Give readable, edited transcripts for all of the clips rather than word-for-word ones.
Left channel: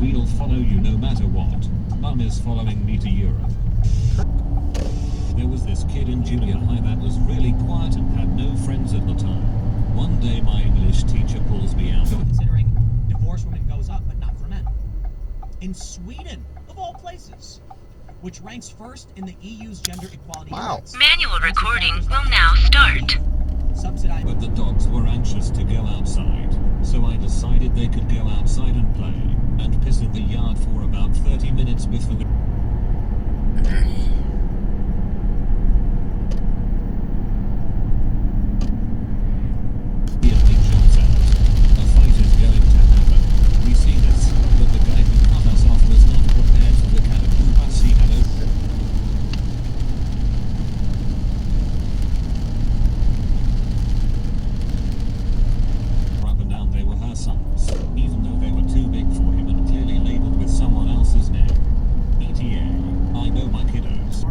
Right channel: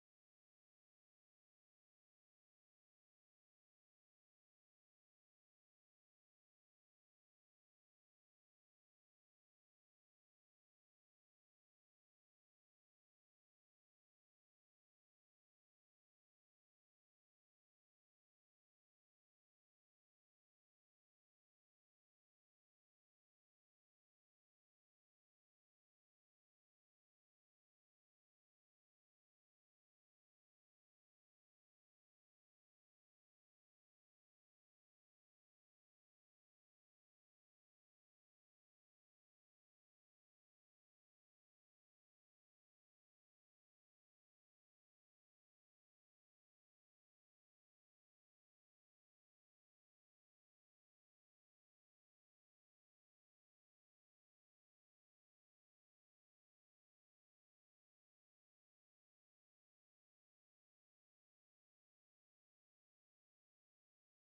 We'll follow you no matter what. Mum is following me to Europe. There was this kid in junior high that was really quiet and had no friends at the time. One day my English teacher pulls me out. Considering divorce women goes up, but not for men. In Sweden, of all places, which ranks first in the EU's gender equality index. Manual recording will now start. Subsidized. But the dogs were anxious to go outside, so I decided they could go outside and play, and piss in the yard for about 30 minutes before the... A fight is going to happen. We see this, but the guy who cut us off was not prepared for the kind of bus he had opened. Up and down they were her sons, even though they were too big for him and clearly labeled with someone else's name. ETA, I know my kiddos.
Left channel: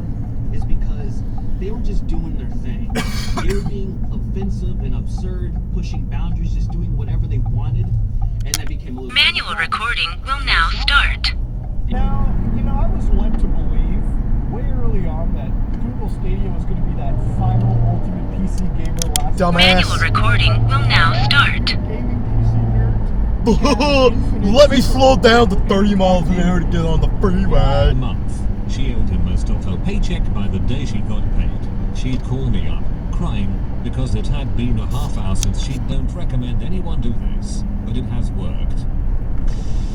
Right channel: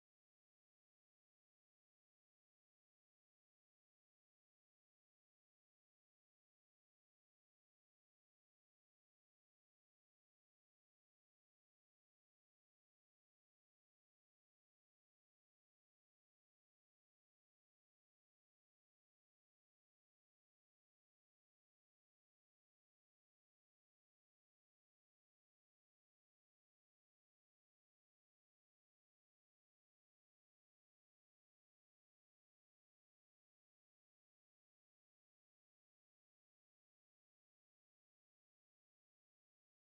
Is because they were just doing their thing. They were being offensive and absurd, pushing boundaries, just doing whatever they wanted, and that became a little... Manual recording will now start. Now, I was led to believe way early on that Google Stadia was going to be that final ultimate PC gamer last Manual recording will now start. gaming PC nerd. Let me slow down to 30 miles an hour to get on the freeway. A month. She owed him most of her paycheck by the day she got paid. She'd call me up, crying, because it had been a half hour since she don't recommend anyone do this, but it has worked.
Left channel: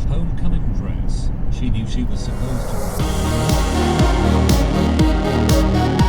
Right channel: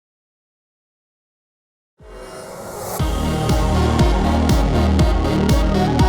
Homecoming dress. She knew she was supposed to...